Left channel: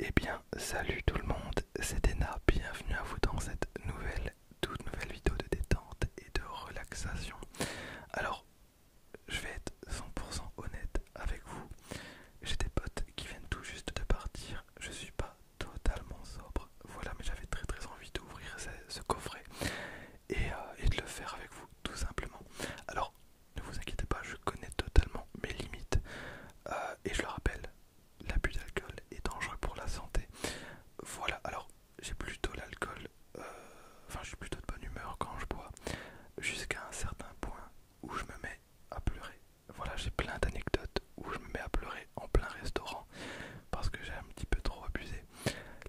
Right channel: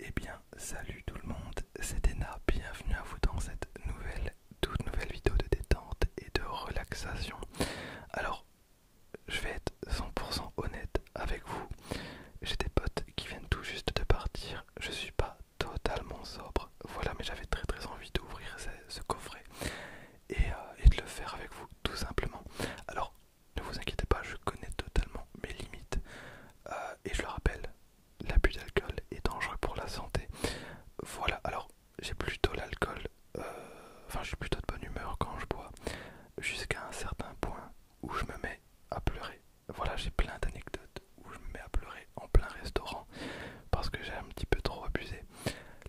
Eh bien, salut tout le monde, c'est Ena, bienvenue à vous dans cette toute nouvelle vidéo de détente et de relaxation. Alors, je vais être 100% honnête avec vous, j'ai des potes qui viennent tout juste de partir, je suis pas totalement sobre, voilà, mais j'avais très envie d'ouvrir ce coffret et de le faire avec vous, tout simplement. Alors, ne vous inquiétez pas, je connais totalement mes limites, et je le rappelle, l'abus d'alcool est dangereux pour la santé. Voilà, alors j'ai plutôt l'alcool, enfin je suis plutôt de bonne humeur quand je bois, jusqu'à un certain point où je me mets à pleurer. Voilà, j'ai plein d'anecdotes où je me mets à pleurer en plein restaurant parce que j'ai un petit peu trop abusé.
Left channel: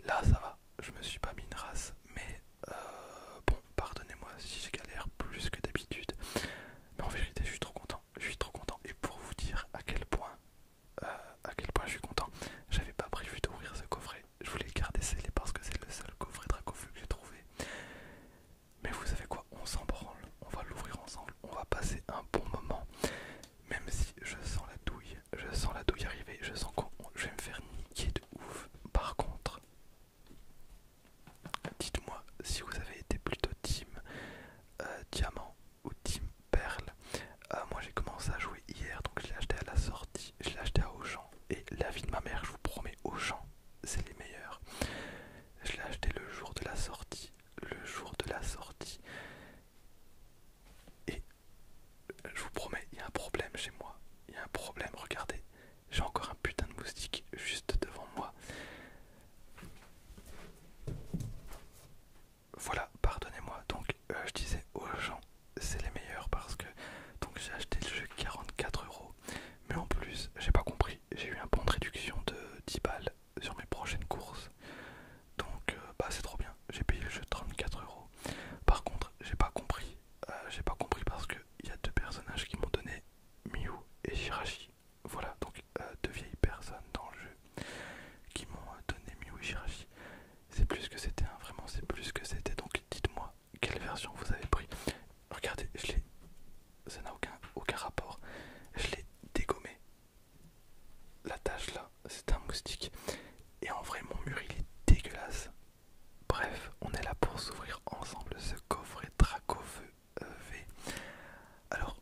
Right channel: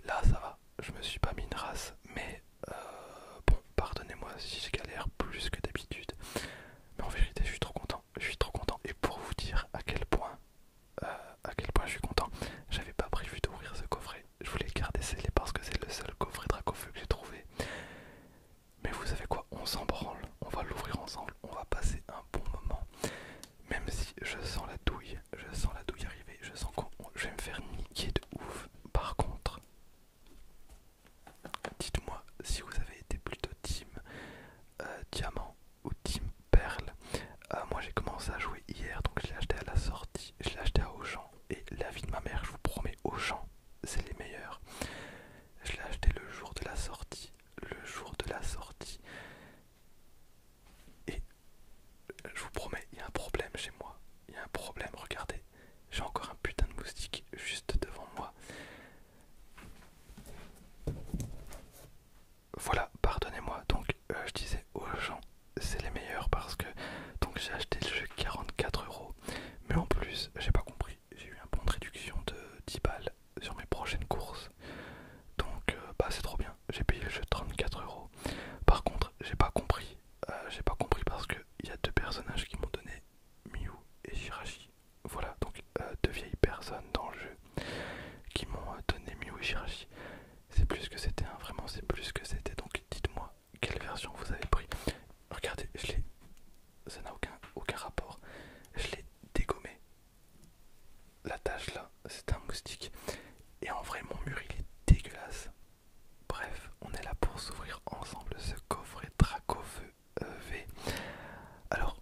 Là ça va, je me suis pas mis une race, mais bon, pardonnez-moi si je galère plus que d'habitude. Mais en vérité je suis trop content. Et pour vous dire à quel point je suis content, j'avais pas prévu d'ouvrir ce coffret. Je voulais le garder scellé parce que c'est le seul coffret Dracofeu que j'ai trouvé. Mais vous savez quoi, on s'en branle, on va l'ouvrir ensemble, on va passer un bon moment. Même si je sens la douille arriver, je sens que je vais me faire niquer de ouf. Par contre, dites-moi si vous avez été plutôt team diamant ou team perle. Moi j'ai commencé à jouer hier, donc je l'ai acheté à la sortie, je l'ai acheté à Auchan. Et la vie de ma mère, je vous promets, Auchan, c'est les meilleurs. Je l'ai acheté le jour de la sortie. Le jour de la sortie. Et je vous promets, il y a un problème chez moi. Il y a un problème, regardez. J'ai encore un putain de moustique juste devant moi. Voilà, pardonnez-moi. Donc, je disais aux gens, c'est les meilleurs parce que donc j'ai acheté le jeu 44 €. Mais en plus, j'ai pas compris. J'ai eu un bon de réduction de 10 balles sur mes prochaines courses. Donc, bah c'est trop bien. J'ai payé le jeu 34 €. Par contre, j'ai pas compris parce que il y a deux personnages qui m'ont donné Miu et Shirashi. Voilà, donc deux vieilles personnes dans le jeu qui m'ont donné Miu et Shirashi. C'est plus que c'était, hein, vraiment c'est plus que c'était. Donc dites-moi quelle version vous avez pris. Regardez, ça n'a aucun rapport. Je l'ai dégommé. La tâche là, c'est un moustique. Et en vrai, mon mur il est dégueulasse. Bref, on est là pour s'ouvrir ensemble ce coffret Dracofeu V. Alors,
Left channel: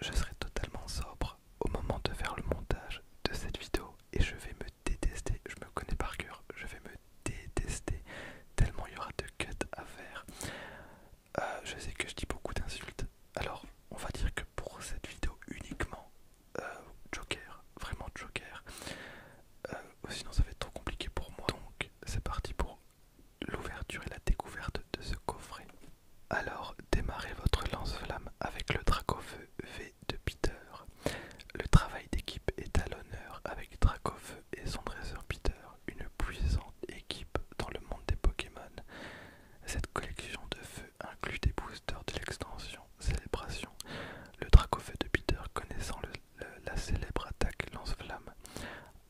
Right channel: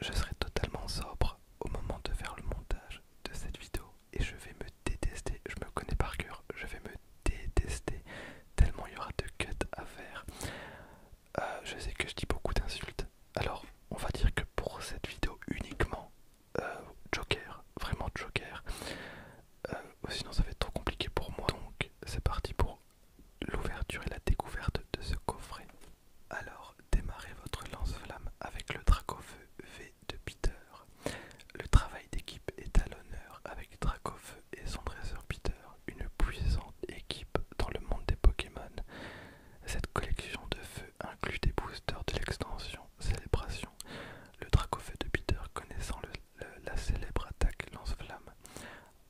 je serai totalement sobre au moment de faire le montage de cette vidéo et je vais me détester, je me connais par cœur, je vais me détester tellement il y aura de cuts à faire. Je sais que je dis beaucoup d'insultes, alors on va dire que pour cette vidéo uniquement, Joker, vraiment Joker, sinon ça va être trop compliqué pour moi. Donc c'est parti pour l'ouverture et la découverte de ce coffret. Alors, démarrez votre lance-flamme avec le Dracofeu V de Peter. Le travail d'équipe est à l'honneur avec Dracofeu et son dresseur Peter, une puissante équipe dans le monde des Pokémon. Cette collection de feux inclut des boosters de l'extension Célébration. Le Dracofeu de Peter connaissant la célèbre attaque lance-flamme.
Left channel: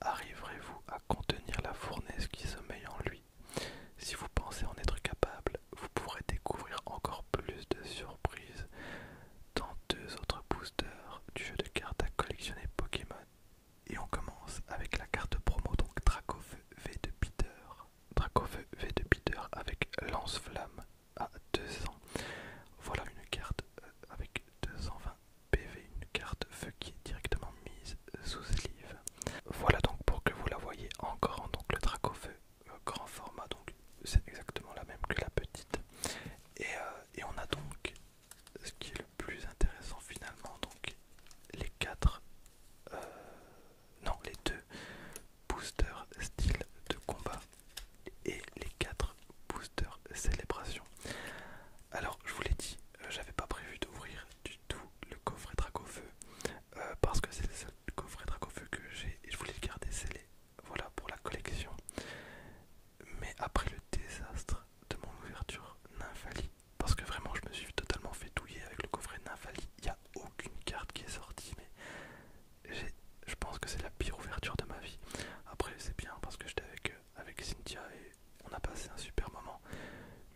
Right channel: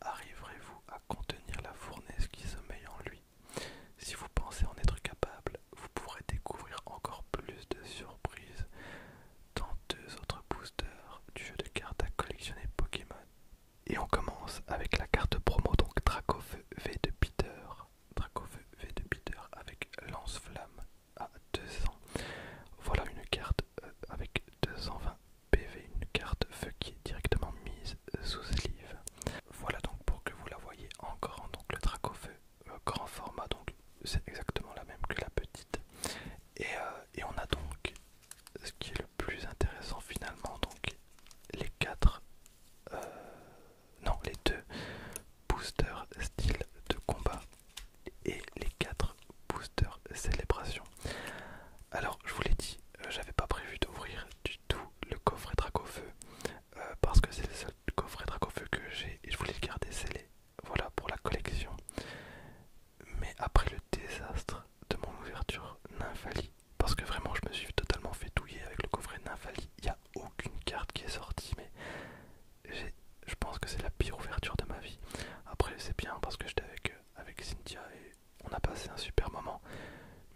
Arriverez-vous à contenir la fournaise qui sommeille en lui? Si vous pensez en être capable, vous pourrez découvrir encore plus de surprises dans deux autres boosters du jeu de cartes à collectionner Pokémon. Et on commence avec la carte promo, donc Dracofeu V de Peter. Dracofeu V de Peter avec Lance-Flamme à 200. Voilà une carte avec 220 PV, une carte feu qui est directement mise sous sleeve. Voilà donc pour que vous la voyez en grand, donc le Dracofeu grand format, donc c'est exactement la même que la petite. Et on a donc ce qui est le plus intéressant finalement, donc les quatre, non les deux boosters style de combat et les quatre boosters célébration. Alors je vous l'ai dit, j'avais pas prévu d'ouvrir du tout le coffret Dracofeu parce que c'est le seul coffret Dracofeu que j'ai et je voulais le garder scellé. Voilà pour la collection. Mais après le désastre de mon ouverture Nymphalie, parce que vraiment je me suis totalement fait douiller avec le coffret Nymphalie, il n'y a aucune carte qui est sortie, mais je pense que c'est la pire ouverture de ma vie. Après c'est bien parce que j'étais avec Cynthia et on a passé un super moment,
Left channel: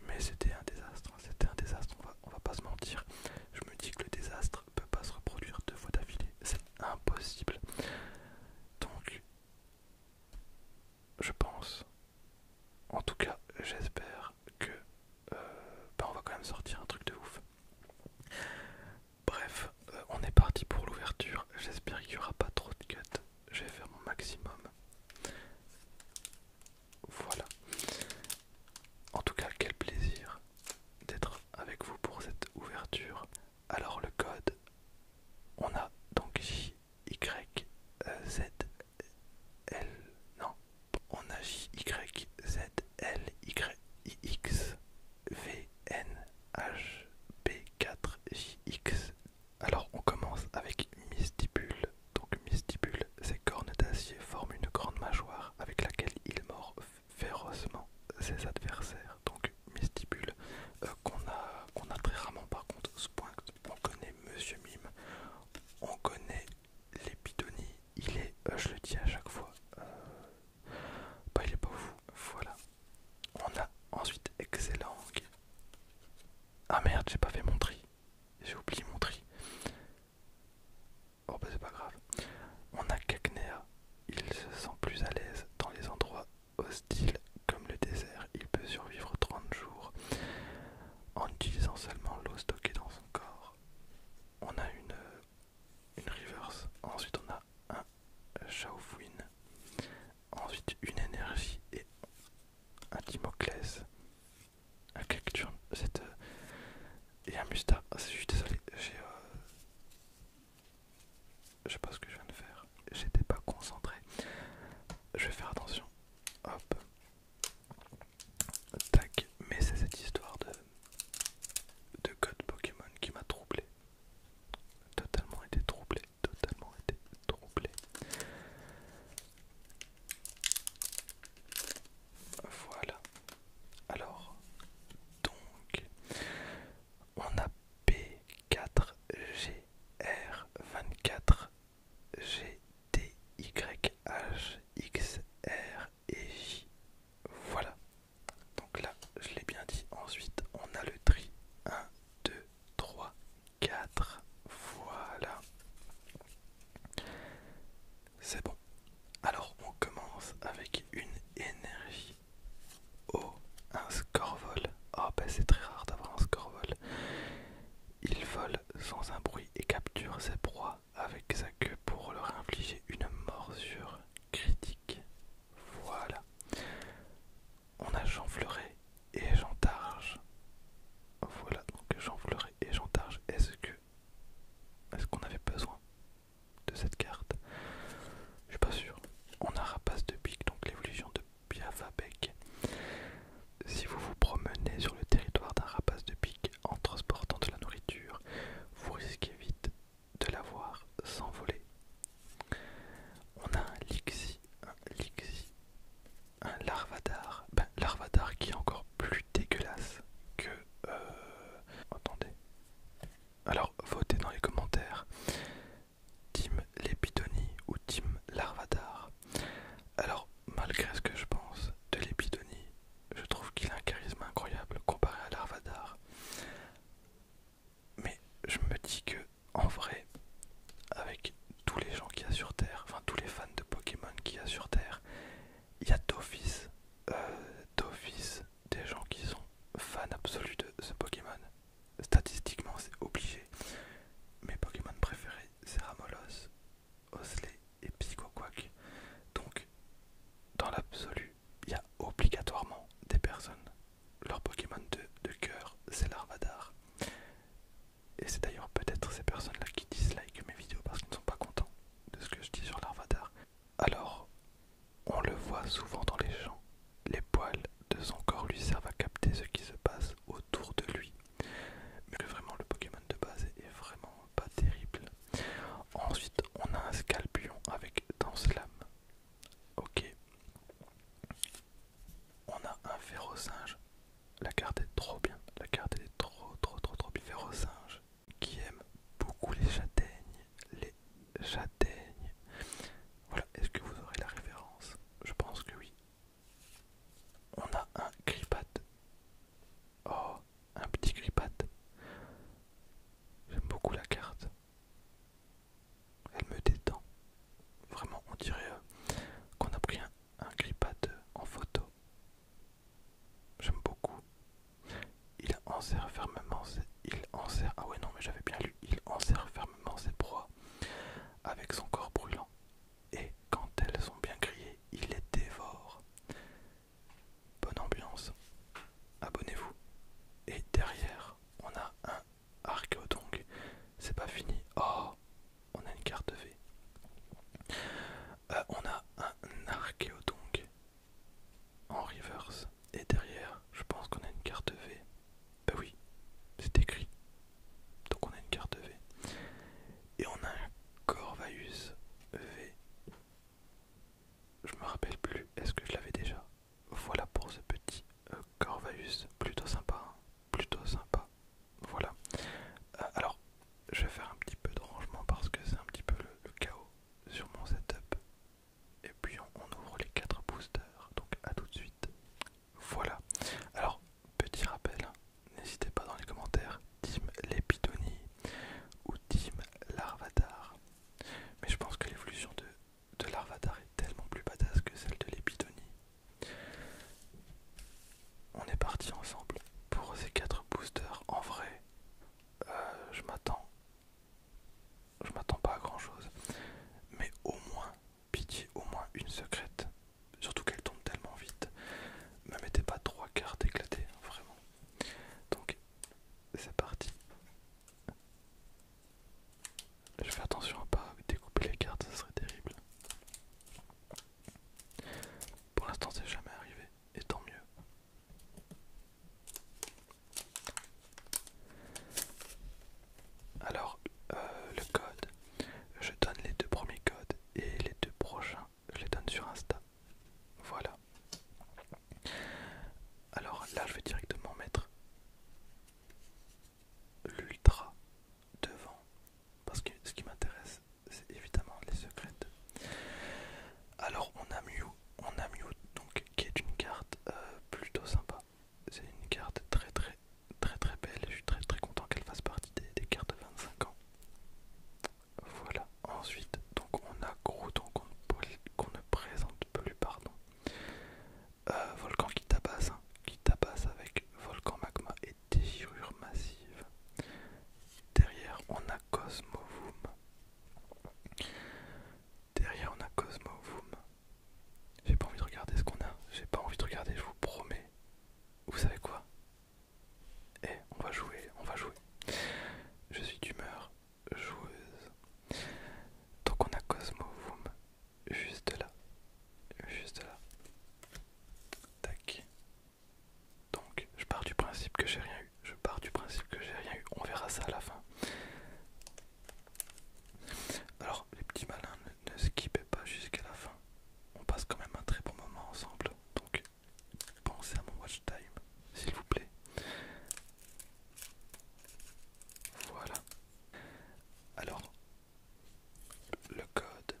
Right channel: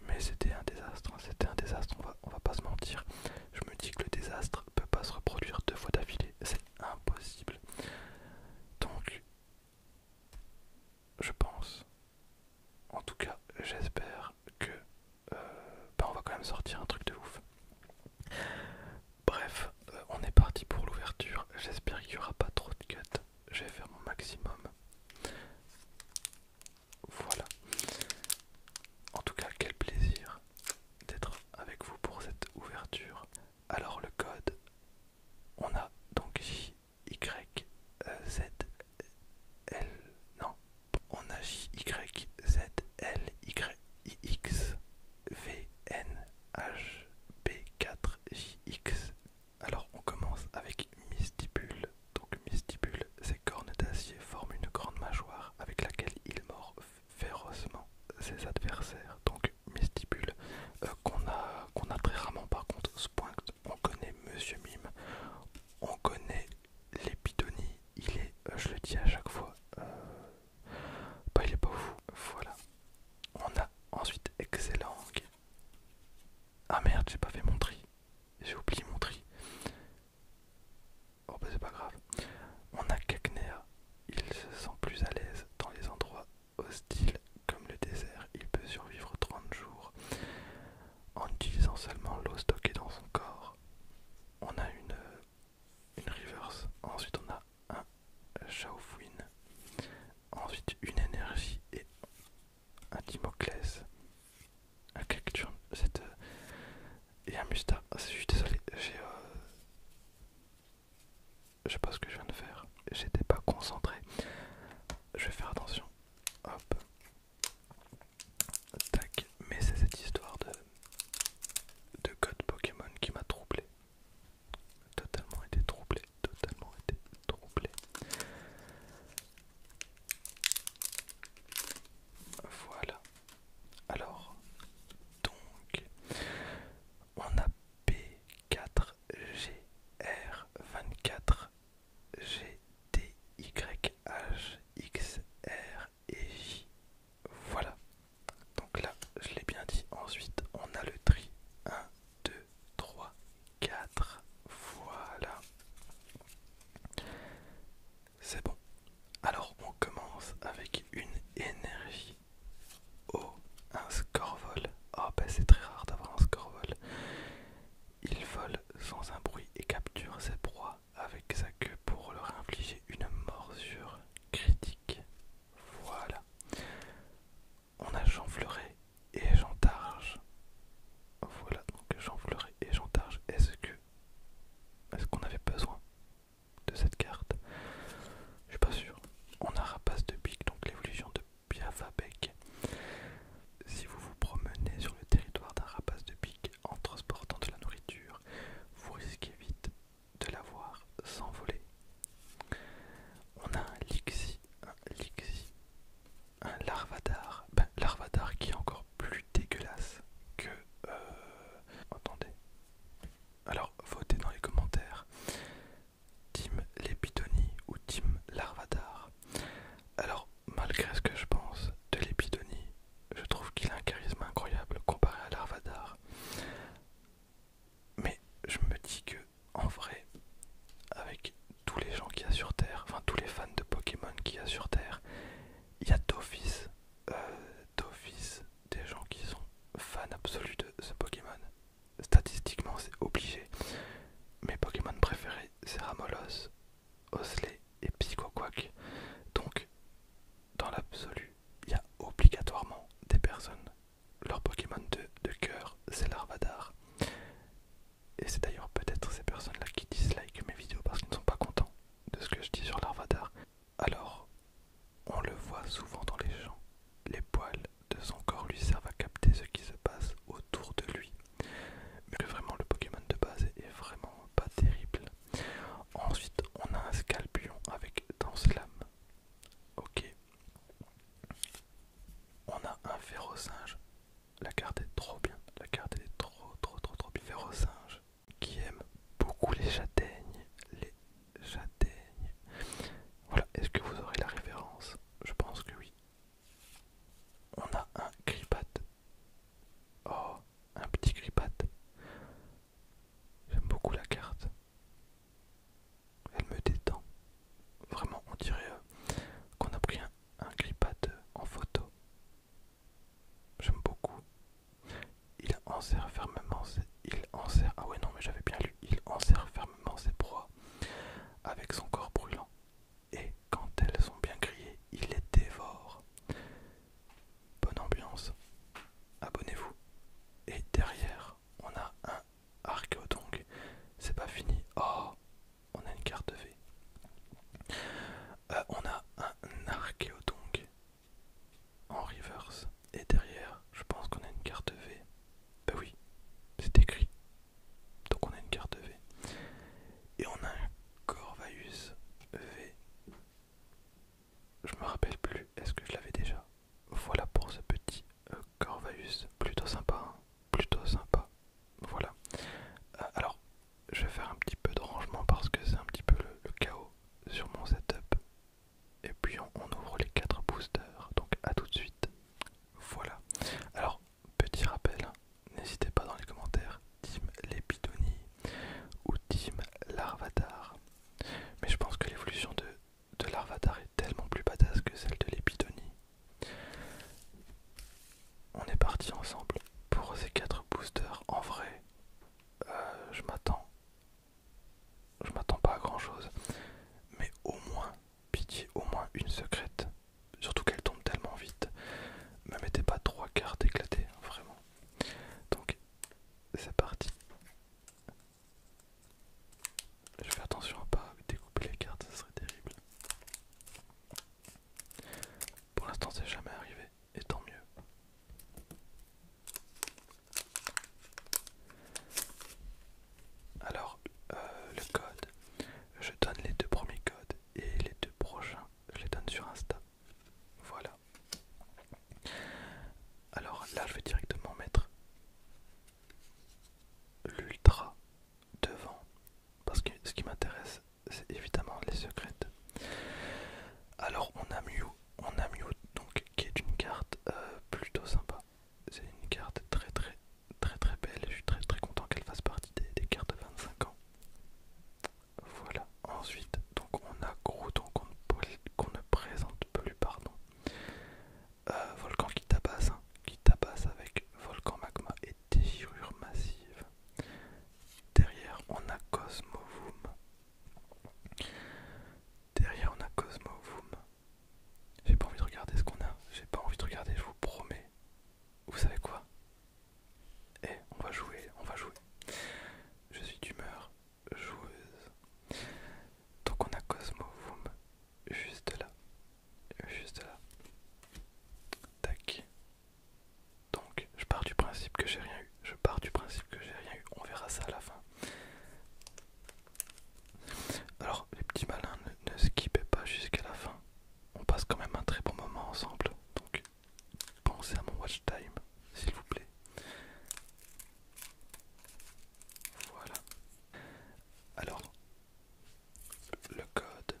mais c'était un désastre, hein, c'était un désastre, on va pas se mentir. Je me dis que le désastre peut pas se reproduire deux fois d'affilée, c'est impossible. Donc je pense. En tout cas, j'espère que on va quand même sortir un truc de ouf. Bref, on est parti pour l'ouverture. J'espère qu'il n'y aura pas trop de cuts. Je vais faire mon maximum. Voilà. En tout cas, quel plaisir d'être avec vous pour cette ouverture. Alors le code, on a donc J, Y, Z, L, non, on a J, Y, Z, L, Y, X, V, N, H, B, 4, J, X. Alors on commence avec Mystibule. Donc Mystibule, ses cornes d'acier forment une grande mâchoire avec laquelle il mord férocement ses adversaires. Donc Mystibule, qu'on a très rarement par contre. Ce point, on connaît Monsieur Mime, on connaît l'épidonie. Il est, je le dis à chaque fois, il est pas fou. Voilà. On a ensuite Excellent. Ah merde, j'ai pas fait mon tri. J'ai oublié mon tri. Oh bah c'est pas grave. On a Cacnea. Il se sent plus à l'aise dans les endroits hostiles comme le désert. Il peut survivre 30 jours en utilisant seulement l'eau stockée dans son corps. On a une reverse. Ensuite on a un Shaofuin. Ensuite une énergie et un Dimoclès. Un Cacturne. Et un Mustar. Je suis désolé, je sais pas ce que je viens de faire. J'étais pas concentré. Je vais faire attention. Hop. Tac. Mais c'est cette histoire de code Pokémon qui m'a troublé. Totalement été troublé. Totalement été troublé. Voilà. Alors, donc, on a P4, G, R24, G, T, Y, H, X, R et J. Voilà. Donc là, je l'ai bien dit. Ensuite, on a le tri. 1, 2, 3, 4. Voilà. C'est bon. Alors, on commence avec une énergie. Oh, un Scorvol. Oh, bah c'est très rare d'avoir un Scorvol. Il vole sans un bruit et capture ses proies avec sa queue pour leur infliger une morsure critique. Voilà. On a Jeanfleuret et Jeantarge. Voilà, donc Jeanfleuret et Jeantarge. Est-ce qu'on avait besoin de cette carte? Je suis pas sûr. On a Rapace de Pique, donc l'évolution de Piafabec. Si vous vous promenez sur le territoire d'un rapace de pique en transportant de la nourriture, vous risquez vite de l'avoir s'envoler. On a un Lixi, un Larvadar. Larvadar qui est encore plus dégueulasse que... Attendez. Alors, votez dans les commentaires. Team Lépidonie ou Team Larvadar. Alors, malgré ce que je pense de l'épidonie, je trouve qu'il a un charisme incroyable comparé à Larvadar. Mais je me dis que, en vrai, avec tous les gens qu'il y a sur Terre, enfin tous les fans de Pokémon qu'il y a sur Terre, il y a d'office des gens qui sont fans absolus de ce Pokémon. Statistiquement, c'est obligé. Mes Pokémon préférés, c'est Ramolos, Osley et Psychoquack. Donc, dans l'absolu, il y a obligatoirement des personnes. Leur Pokémon de cœur, c'est Larvadar. Et c'est d'ailleurs peut-être ces personnes-là qui dislike mes vidéos parce qu'ils ne sont pas contents de ce que je dis sur Larvadar. Alors, on le voit souvent dans les champs. Les poils de son corps lui servent à capter ce qui se passe autour de lui. Mais que vraiment le Pokémon de base est vraiment pas terrible. Ensuite, on a un Scalpion avec Danse-Lame. Ok. On a un Férocinge. La carte est trop bien. La carte est trop bien. Férocinge qui aime beaucoup les ressemble. Donc pensez à mon watch time, s'il vous plaît. Voilà. Alors, le code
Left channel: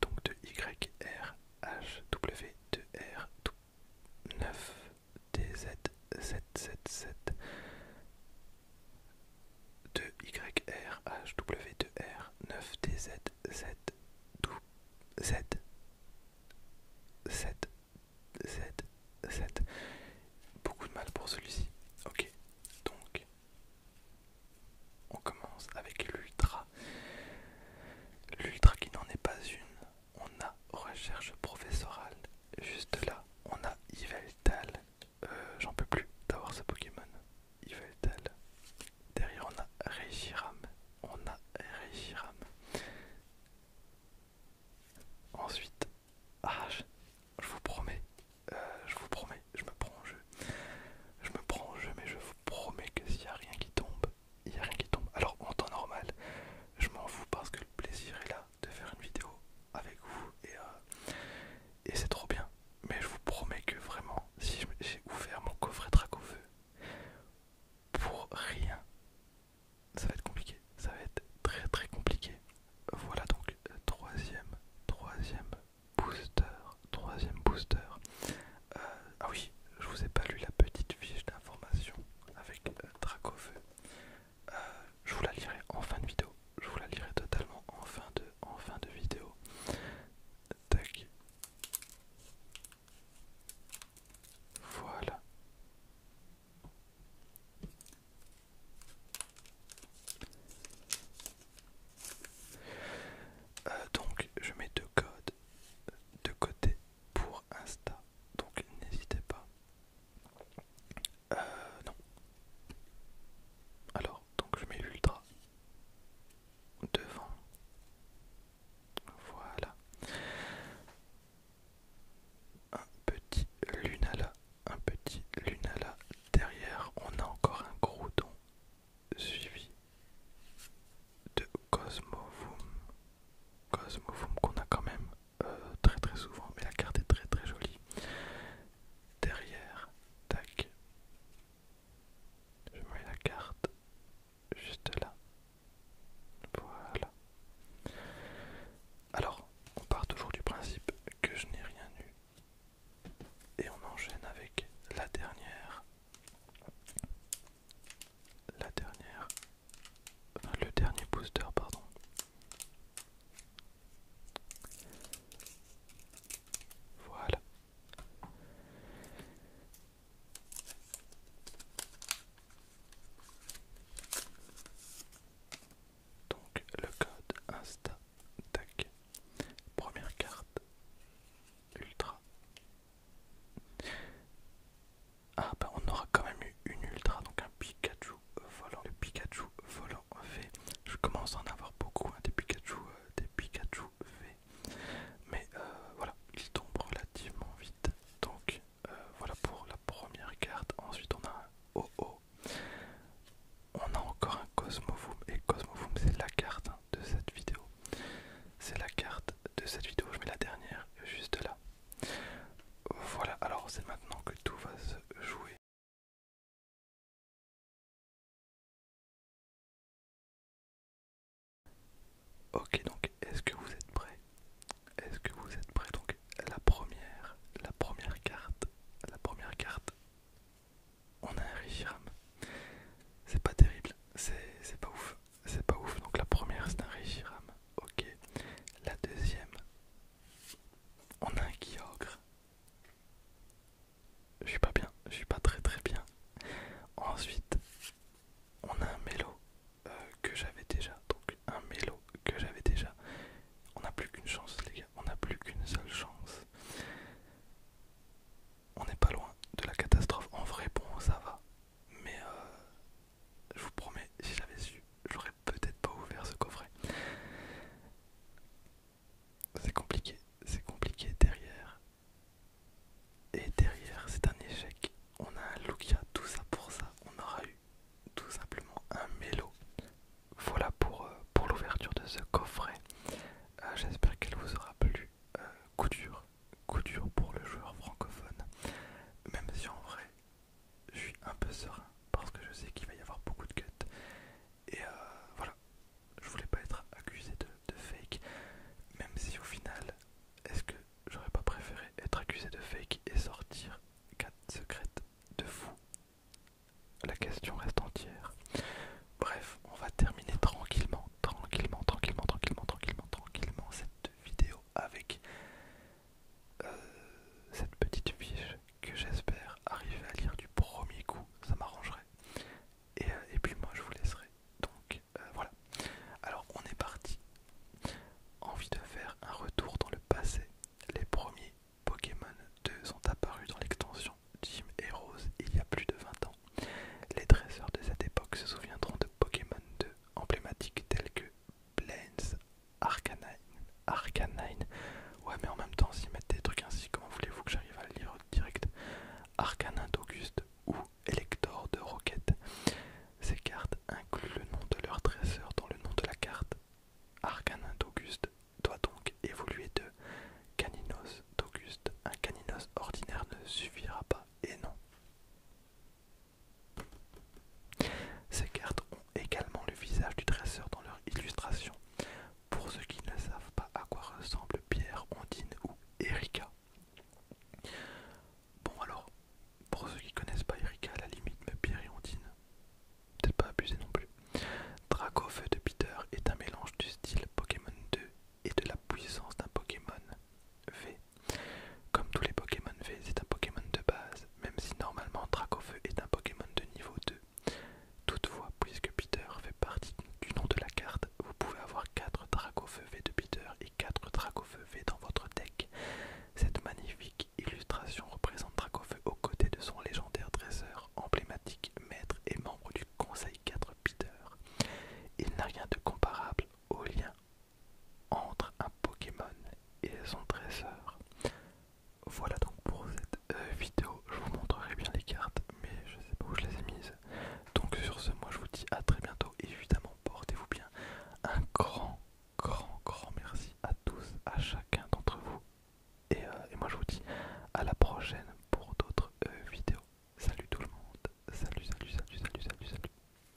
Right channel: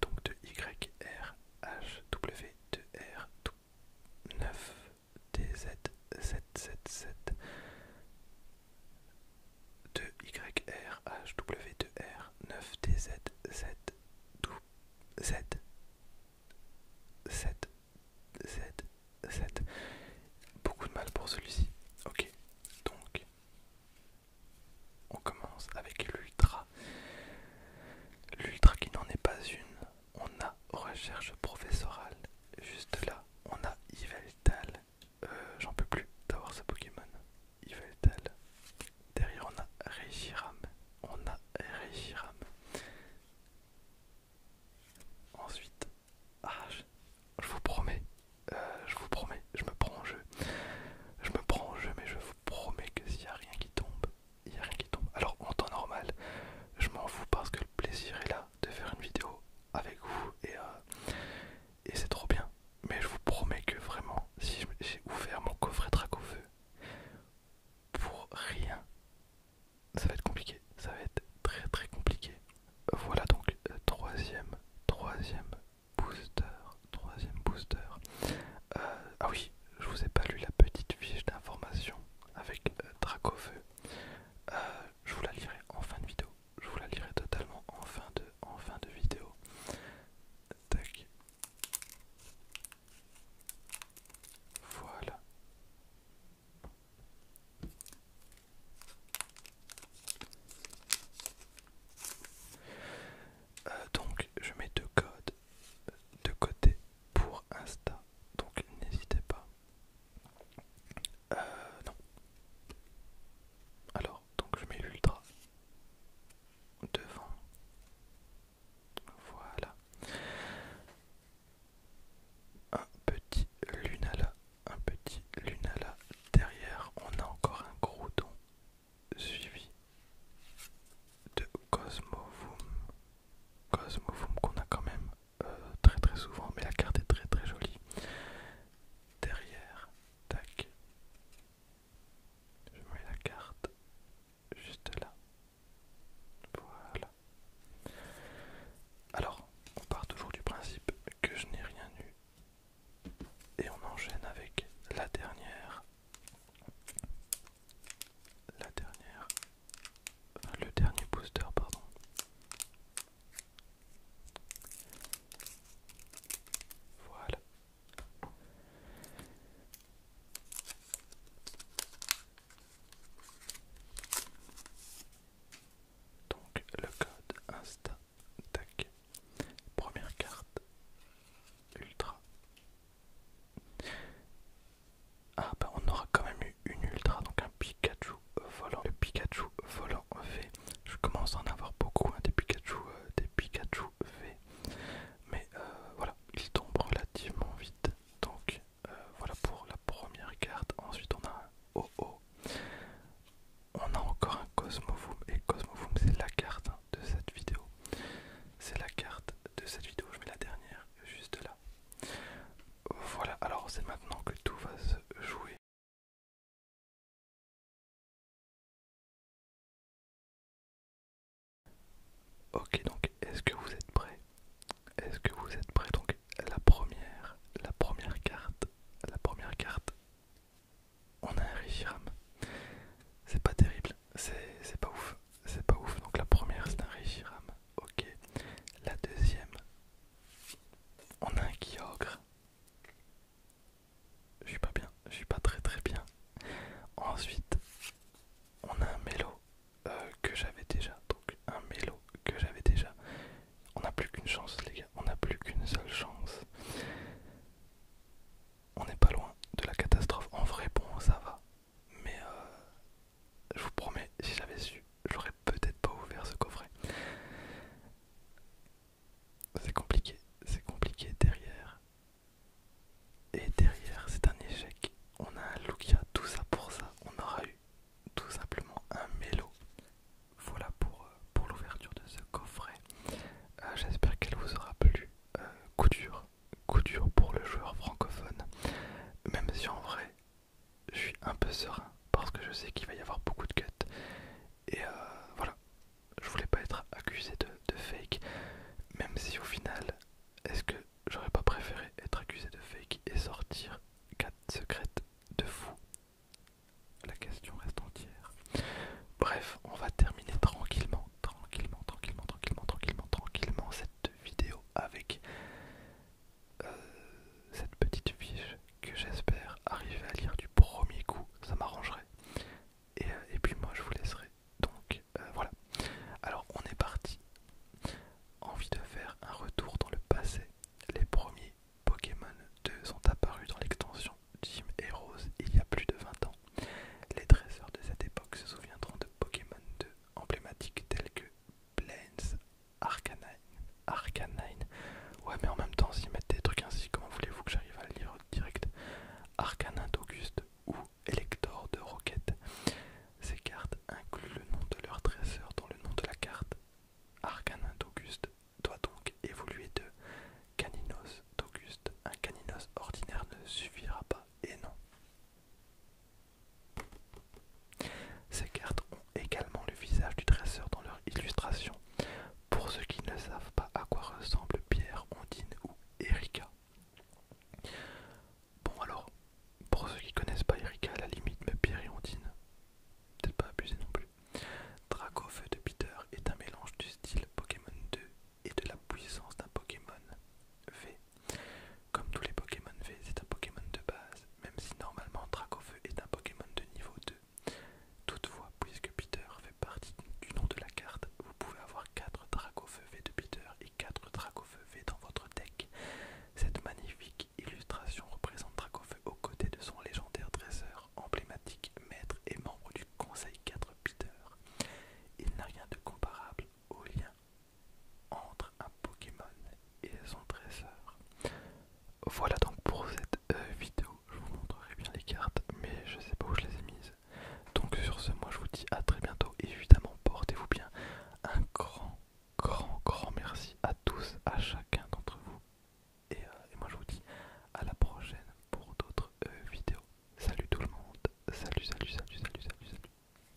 donc de YRHW2R 9DZ777 de YRHW2R 9DZ7Z7. Beaucoup de mal pour celui-ci. Ok, donc on commence avec l'ultra. L'ultra qui n'en est pas une. On a recherche professorale. Juste là, on a Yveltal. J'en peux plus d'avoir ce Pokémon. Yveltal. Derrière, on a Reshiram. Ensuite, je me prends en jeu. Mais je vous promets que s'il n'y a rien qui tombe, il n'y a rien qui tombe. Alors, en temps normal, je m'en fous parce que le plaisir est là de faire une vidéo avec vous et c'est trop